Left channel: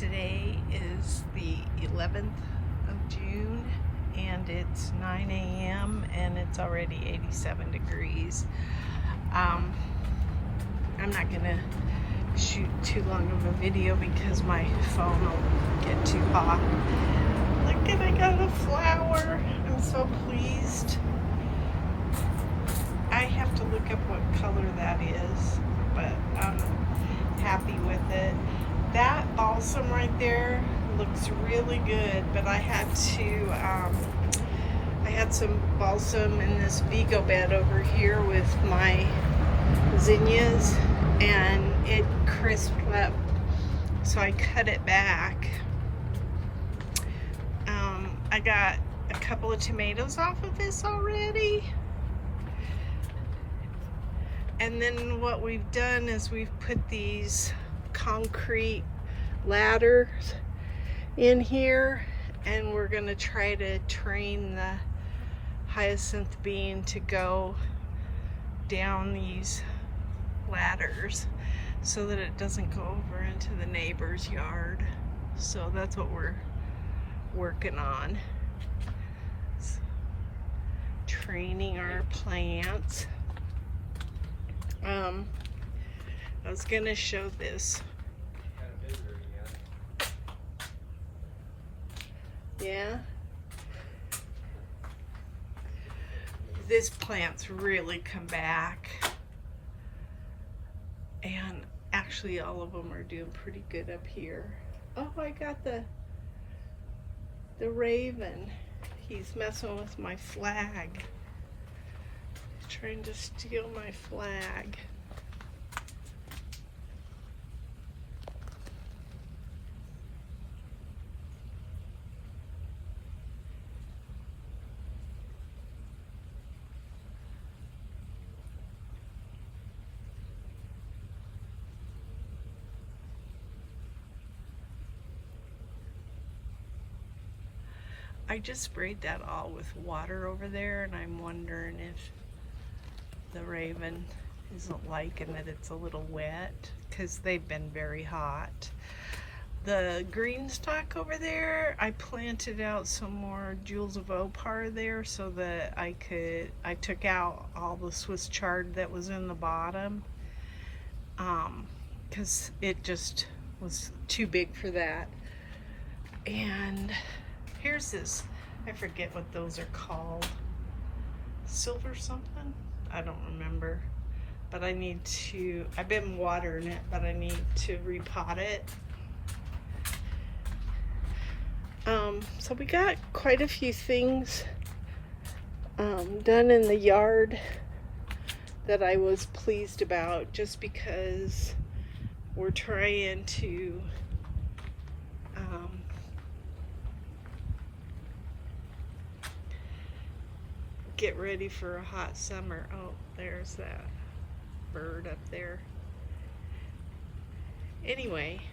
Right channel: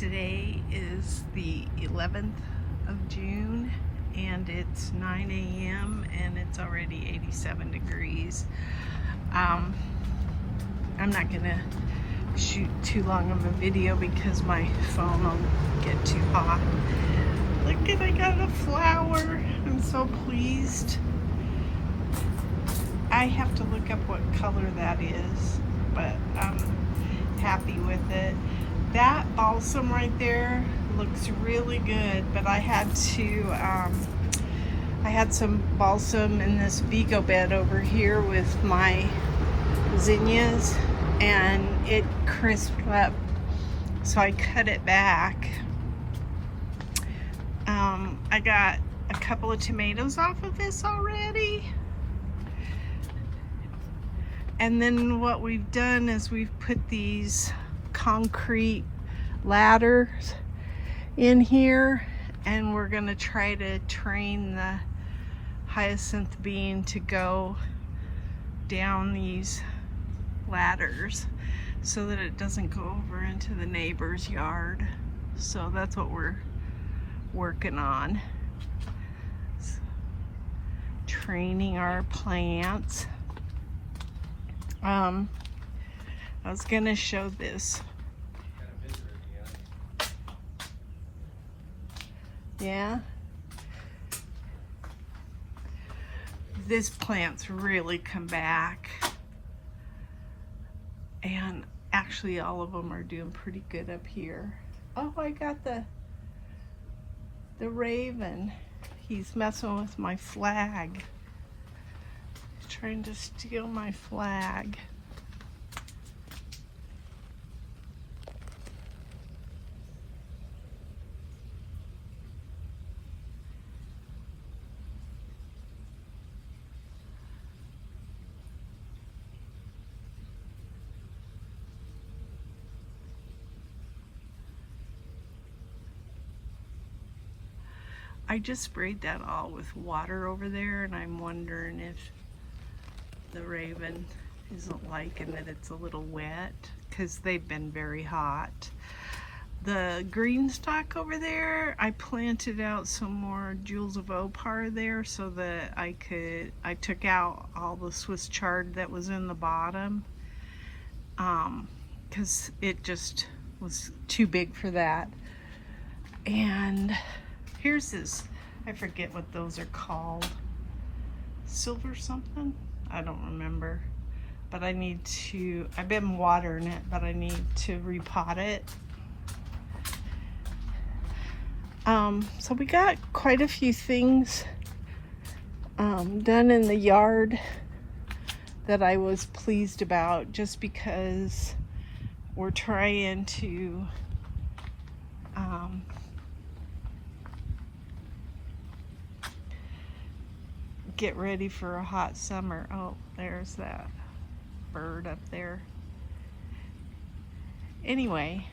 Today is the 11th of June and it's 9 a.m. and it's already 87 degrees. I'm not gonna shoot too long of a video because my phone will get too hot. Look, and I got a flower. I'm so pleased. I have to look up what color that is, but I'm happy with it. That balsam right there looks really good, but I had some balsam in this Vego bed over here with my zinnias, and it crisped up, so I cut it back. I got a couple of tomatoes off of this already. And then what we've done is we've put these concrete ladders in here, and we're gonna try to train the hyacinth bean to go down these ladders so that it doesn't go over into the neighbor's yard. So that's what we're working on. So, training our plants. I was gonna show this. Yeah. This plant's really come back. And actually all of them are doing pretty good up here. Oh, I got the raven. He's messing with my flag. Trying to steal my flag. I just sprayed that all with water over there, and I'm wondering if the raven isn't liking that it's a little wet, because they've been very hot. The GreenStalk over there, I planted out some more Jewels of Opar there so that I took out all the Swiss chard that was in the bottom, because it just was too big for that. And here's this, I forget what those are called, silver something? I don't remember, but I've been watering it, but I need to repot it. So we got quite a few things done in the yard that I was pleased about, just because we're trying to get ready for a hot summer. Oh, there's that bird up there. Anyway,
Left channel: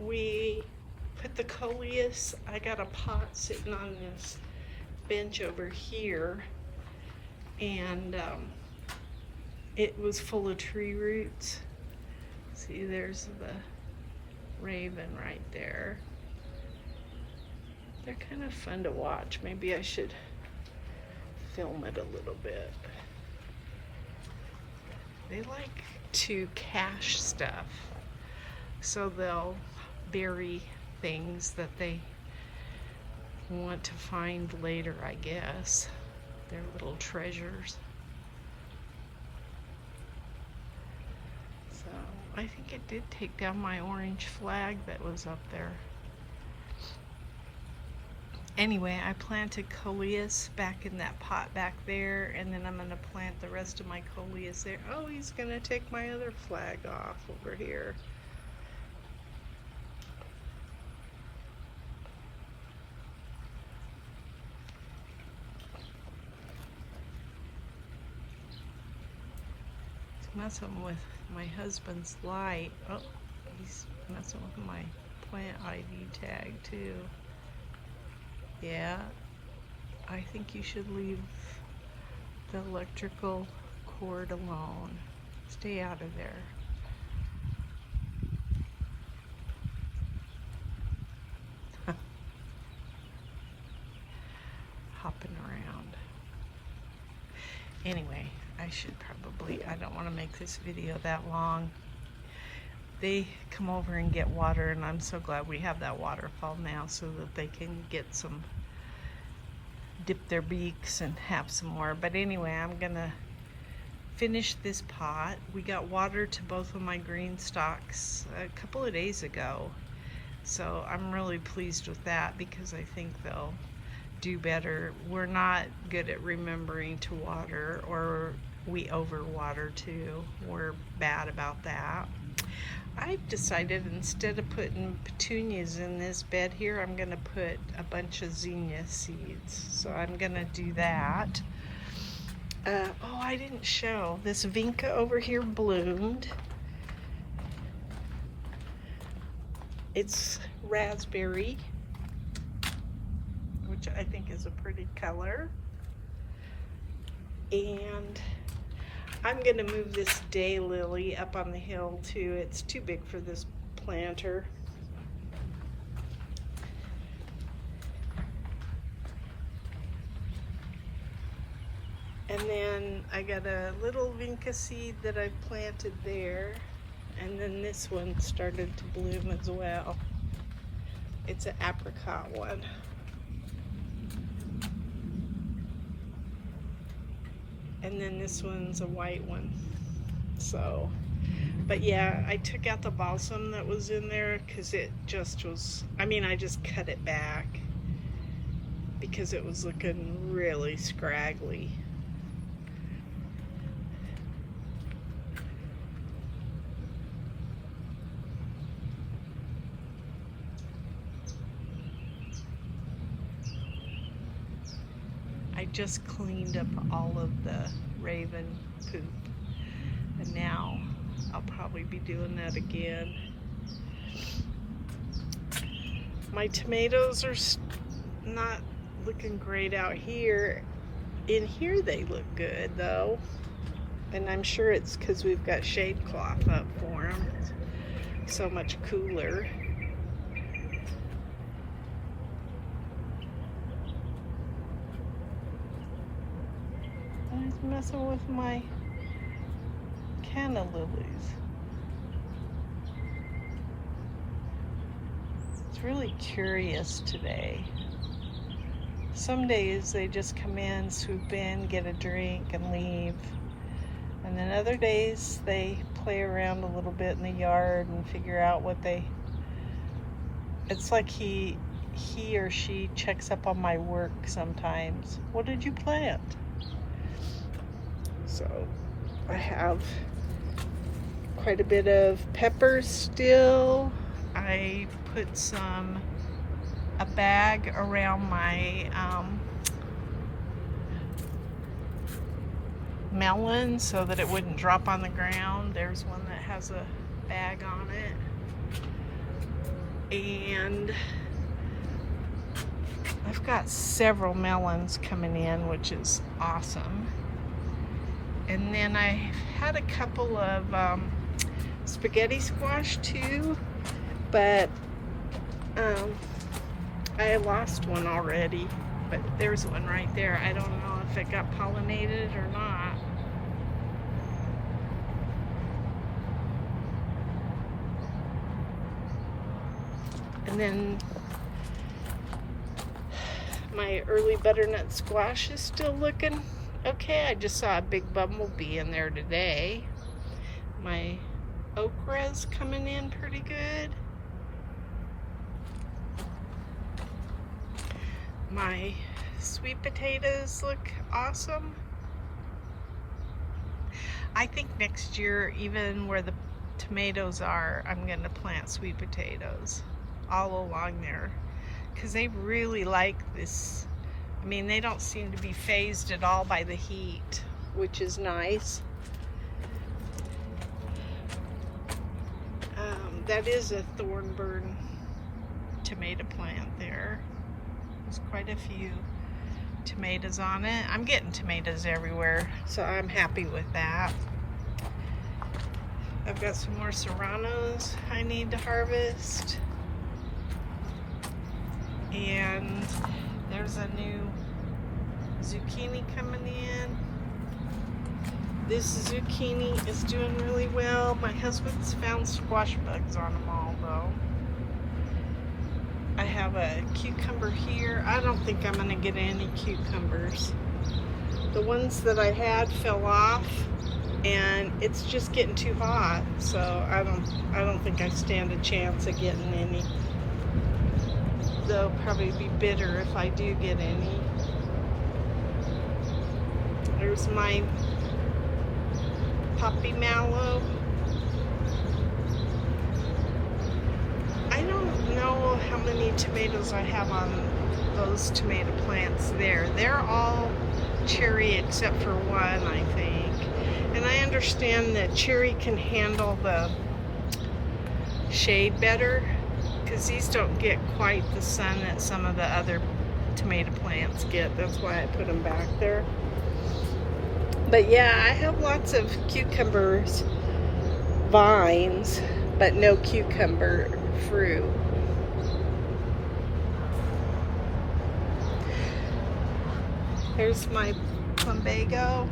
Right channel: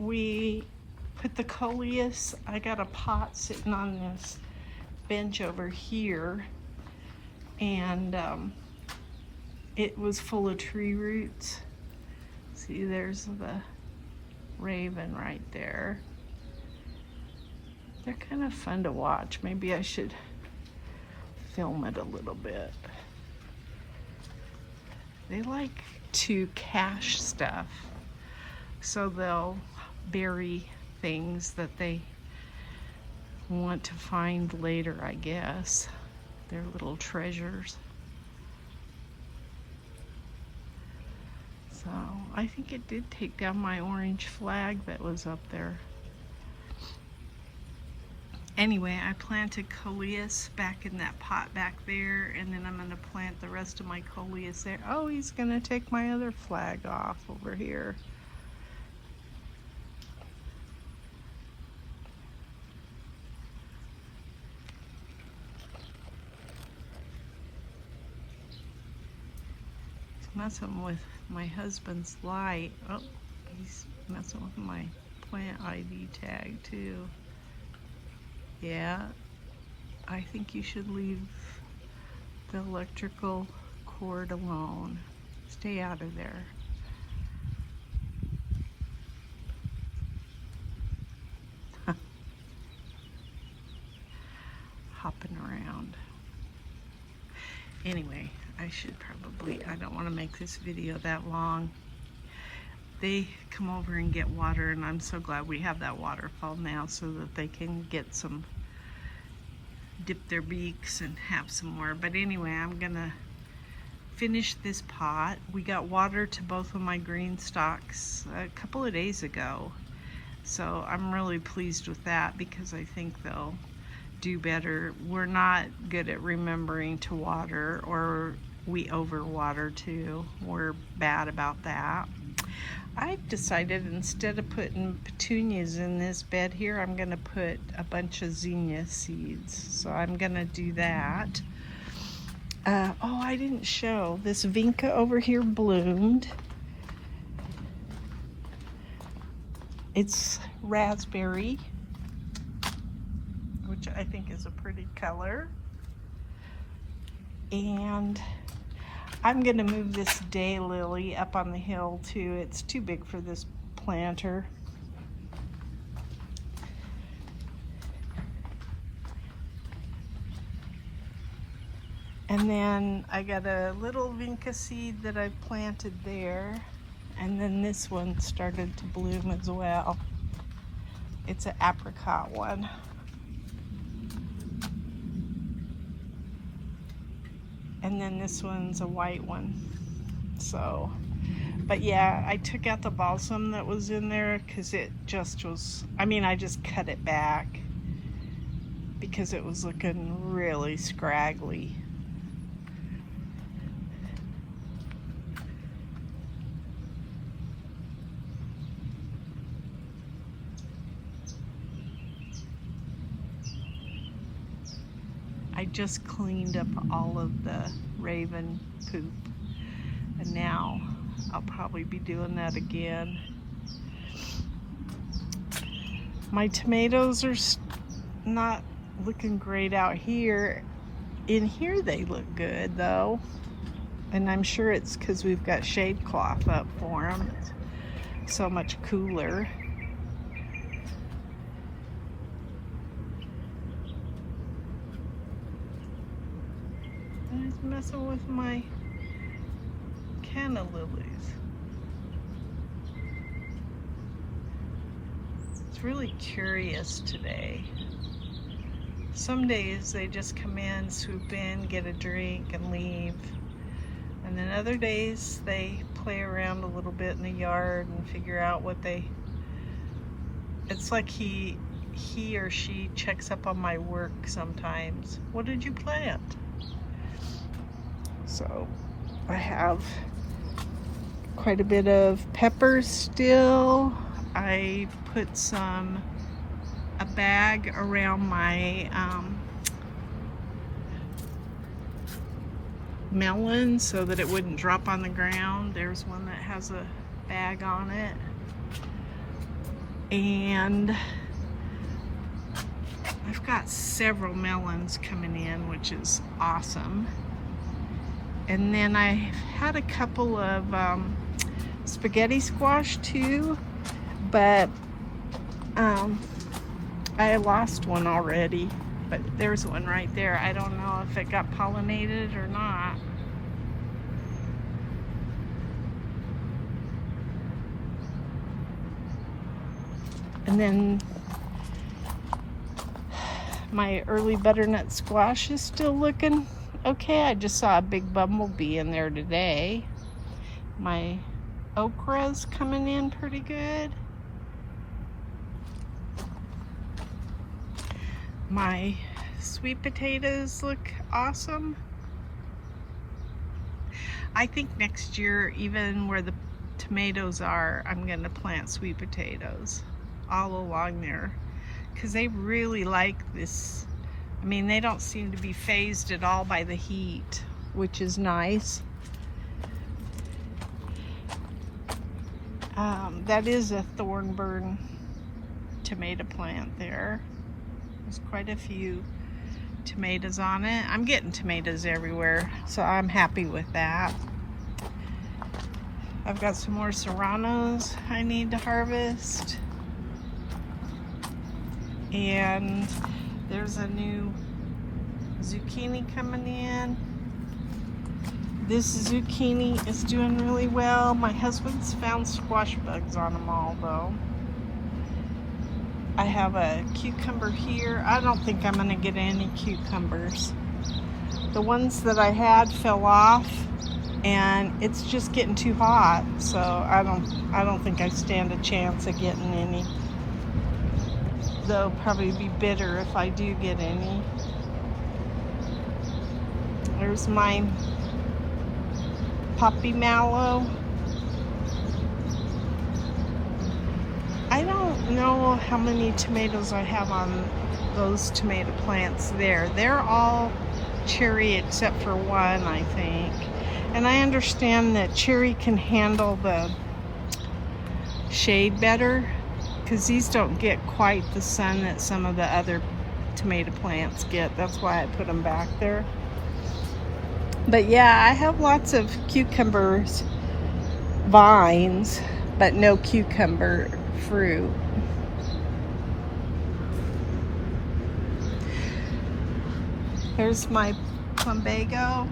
we put the coleus. I got a pot sitting on this bench over here, and it was full of tree roots. See, there's the raven right there. They're kind of fun to watch. Maybe I should film it a little bit. They like to cache stuff, so they'll bury things that they want to find later, I guess. They're little treasures. So I think it did take down my orange flag that was up there. Anyway, I planted coleus back in that pot back there, and then I'm going to plant the rest of my coleus there. Oh, he's going to take my other flag off over here. He's messing with my husband's light. Oh, he's messing with my plant ID tag too. Yeah, I think you should leave the electrical cord alone. Stay out of there. Anyway, I don't want to make this video that long. They come over and get water, and I'm so glad we have that waterfall now so that they can get some, dip their beaks and have some more. But anyway, I'm gonna finish this pot. We got water to both of my GreenStalks a couple of days ago, so I'm really pleased with that because I think they'll do better. We're not good at remembering to water, or we overwater too. We're bad about that. I've decided instead of putting petunias in this bed here, I'm gonna put a bunch of zinnia seeds. So I'm gonna do that. Oh, I didn't show. This vinca over here bloomed. It's raspberry, which I think is a pretty color. And I'm gonna move this daylily up on the hill too. It's too big for this planter. And then I got a little vinca seed that I planted there. And then this one started to bloom as well. It's an apricot one. And then this one's a white one. So, but yeah, I took out the balsam that was in there because it just was, I just cut it back because it was looking really scraggly. I just cleaned up all of the raven poop, and now I'll probably be doing that again. My tomatoes are not looking great out here. In here they look good though, and I'm sure it's because we've got shade cloth up for them. It's so much cooler. I was messing with my canna lilies. It's really curious today. Some days they just come in, swoop in, get a drink and leave. And then other days they play around a little bit in the yard and figure out what it's like he or she checks up on my work sometimes. What did you plant? So I have quite a bit of peppers still. I put a bag around my melon so that it wouldn't drop on the ground. There's one that has a bag on it. And I've got several melons coming in, which is awesome. And then I had a couple of spaghetti squash too, but I lost one already. But there's one right there. I don't know if it got pollinated or not. And then my early butternut squash is still looking okay. I just saw a big bumblebee in there today. My okra's coming in pretty good. My sweet potatoes look awesome. I think next year, even where the tomatoes are, I'm going to plant sweet potatoes all along there because they really like this. They don't seem to be fazed at all by the heat, which is nice. That is a thornburn tomato plant there. There's quite a few tomatoes on it. I'm getting tomatoes everywhere, so I'm happy with that. I've got some more serranos I need to harvest. And there's a new zucchini coming in. This zucchini is doing really well. My husband's found squash bugs on them all though. I have a cucumber here. I don't think I'm gonna get any cucumbers. The ones that I had fell off and it's just getting too hot, so I don't think I stand a chance of getting any. They'll probably be bitter if I do get any. There's my poppy mallow. I don't know how many tomatoes I have on those tomato plants there. They're all cherry except for one, I think. And I understand that cherry can handle the shade better because these don't get quite the sun that some of the other tomato plants get. That's why I put them back there. But yeah, I have lots of cucumbers vines, but no cucumber fruit. There's my plumbago.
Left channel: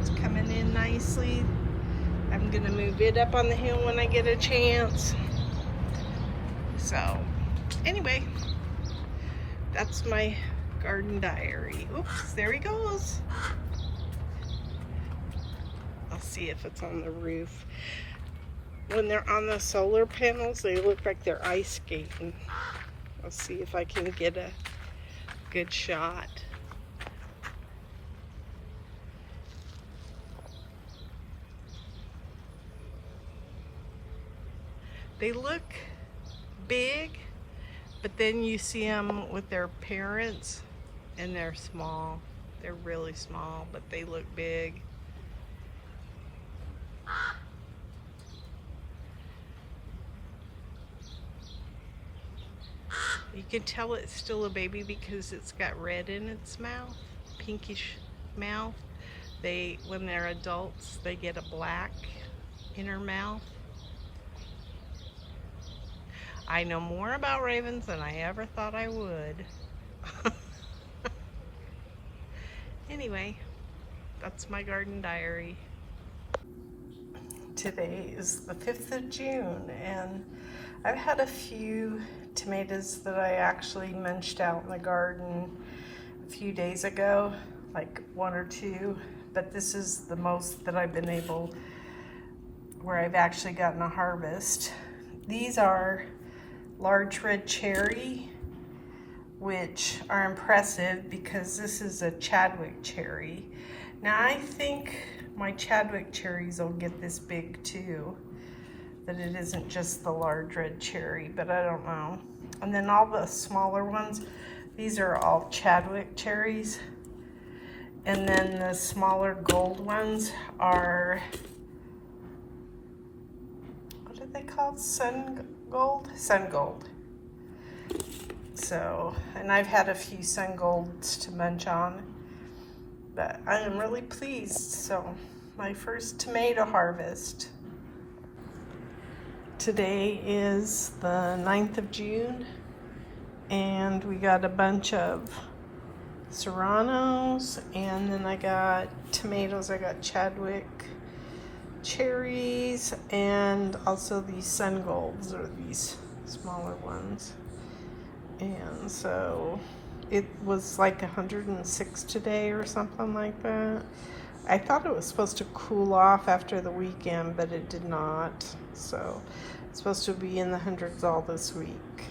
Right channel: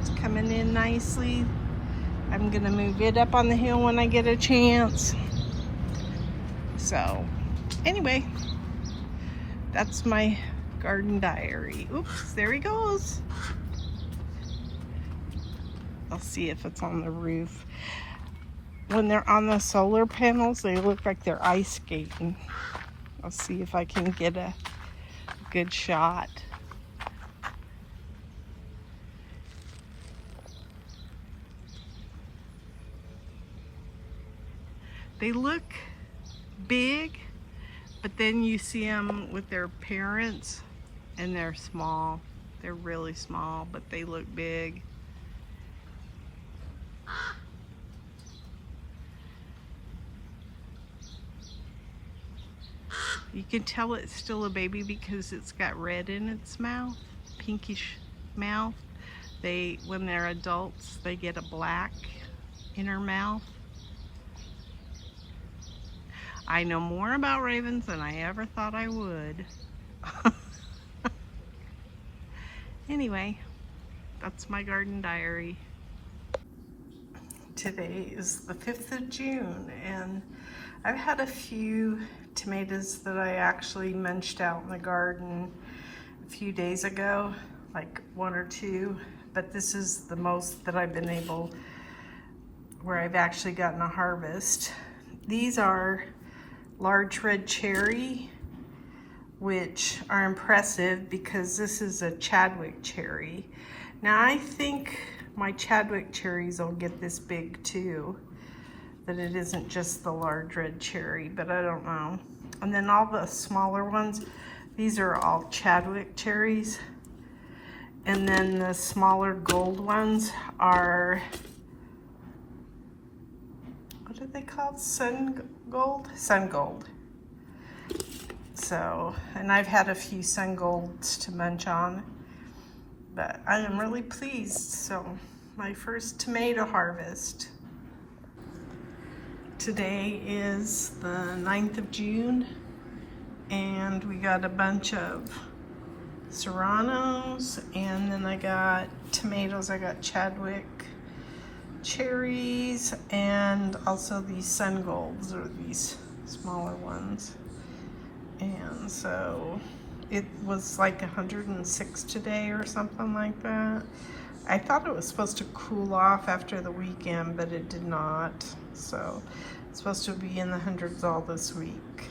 It's coming in nicely. I'm gonna move it up on the hill when I get a chance. So anyway, that's my garden diary. Oops, there he goes. I'll see if it's on the roof. When they're on the solar panels, they look like they're ice skating. I'll see if I can get a good shot. They look big, but then you see them with their parents and they're small. They're really small, but they look big. You can tell it's still a baby because it's got red in its mouth, pinkish mouth. When they're adults, they get a black inner mouth. I know more about ravens than I ever thought I would. Anyway, that's my garden diary. Today is the 5th of June and I've had a few tomatoes that I actually munched out in the garden a few days ago, like 1 or 2, but this is the most that I've been able, where I've actually gotten a harvest. These are large red cherry, which are impressive because this is a Chadwick cherry. Now I think my Chadwick cherries will get this big too, that it isn't just the large red cherry, but I don't know. And then all the smaller ones, these are all Chadwick cherries. And then the smaller gold ones are, what are they called? Sun gold? Sun gold. So, and I've had a few sun golds to munch on, but I am really pleased. So, my first tomato harvest. Today is the 9th of June, and we got a bunch of serranos, and then I got tomatoes. I got Chadwick cherries, and also these sun golds, or these smaller ones. And so it was like 106 today or something like that. I thought it was supposed to cool off after the weekend, but it did not. So it's supposed to be in the hundreds all this week.